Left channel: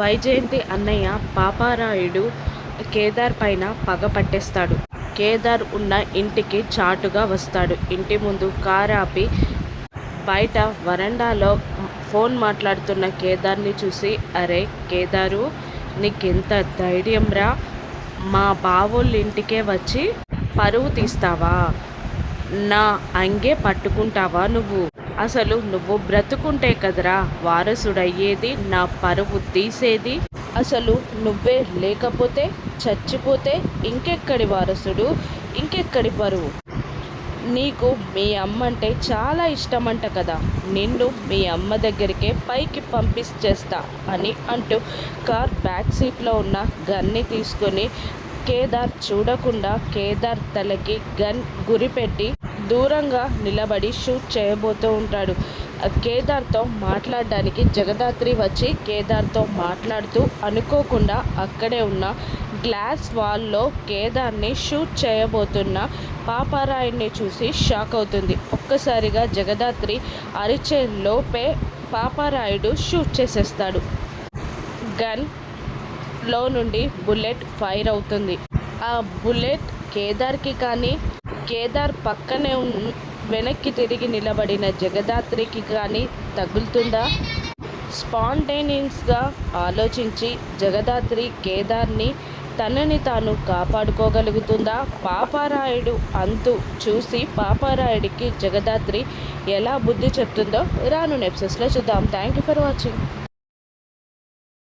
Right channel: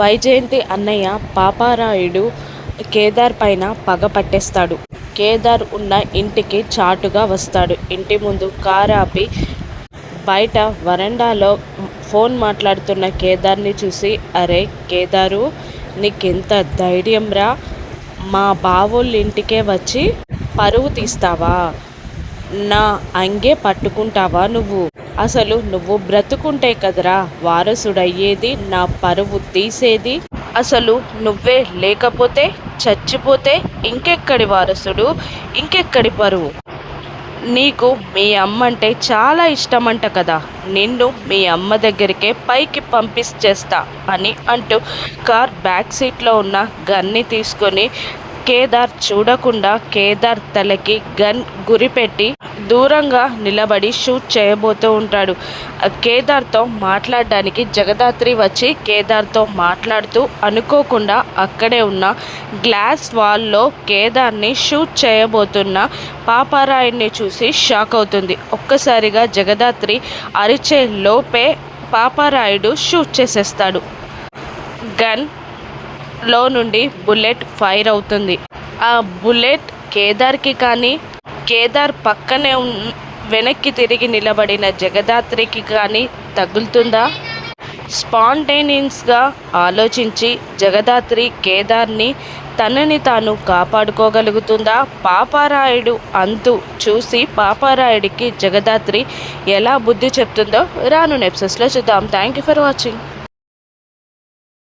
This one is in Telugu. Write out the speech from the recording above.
వైజయంతి అన్నయ్య పాపారాయుడు కేదార్ పైన పగ పట్టేస్తాడు. కేదార్ ఉన్న ఇంటికి చాటుగా వస్తాడు. ఇంటి ముందు కారు ఆపి బయట వరండాలో ఫోన్ మాట్లాడుతున్న కేదార్ని చూసి, అరే కేదారు, నీకెంత ధైర్యంరా, మా బావోళ్ళ ఇంటికే వచ్చి పరువు తీస్తావా? నా అంగే పట్టుకుంటావా నువ్వు? అసలు నువ్వు బ్రతుకుంటే కదరా వారసుడయ్యేది, నా పరువు తీసేది. అసలు నువ్వే లేకపోతే, చచ్చిపోతే ఇంకెక్కడి వారసుడు, ఇంకెక్కడి పరువు? నీకు మీ అమ్మంటే చాలా ఇష్టమంట కదా, నిన్ను మీ అమ్మ దగ్గరికే పైకి పంపించేస్తా అని అంటూ కార్ బ్యాక్ సీట్లో ఉన్న గన్ని తీసుకొని కేదార్ చూడకుండా కేదార్ తలకి గన్ గురిపెట్టి దూరంగా నిలబడి షూట్ చేయబోతూ ఉంటాడు. కేదార్తో మాట్లాడడానికి జగదాత్రి వచ్చి కేదార్తో మాట్లాడుతూ అనుకోకుండా అక్కడే ఉన్న గ్లాస్ వాల్లో కేదార్ని షూట్ చేయబోతున్న పాపారాయుడిని చూసి షాక్ అవుతుంది. ఒక్కసారిగా జగదాత్రి అరిచే లోపే పాపారాయుడు షూట్ చేసేస్తాడు. గన్ లో నుండి బుల్లెట్ ఫైర్ అవుతుంది. ఆ బుల్లెట్ కేదార్కి కానీ, కేదార్ పక్కనే వెనక్కి తిరిగి నిలబడిన జగదాత్రికి కానీ తగులుతుందా? స్పాంటేనియస్గా ఆలోచించి జగదాత్రి కేదార్ని తనని తాను కాపాడుకోగలుగుతుందా? పాపారాయుడు అంతు చూసి పాపారాయుడికి జగదాత్రి ఎలా బుద్ధి చెప్తుందో రాను ఎపిసోడ్స్లో చూద్దాం. Thank you for watching.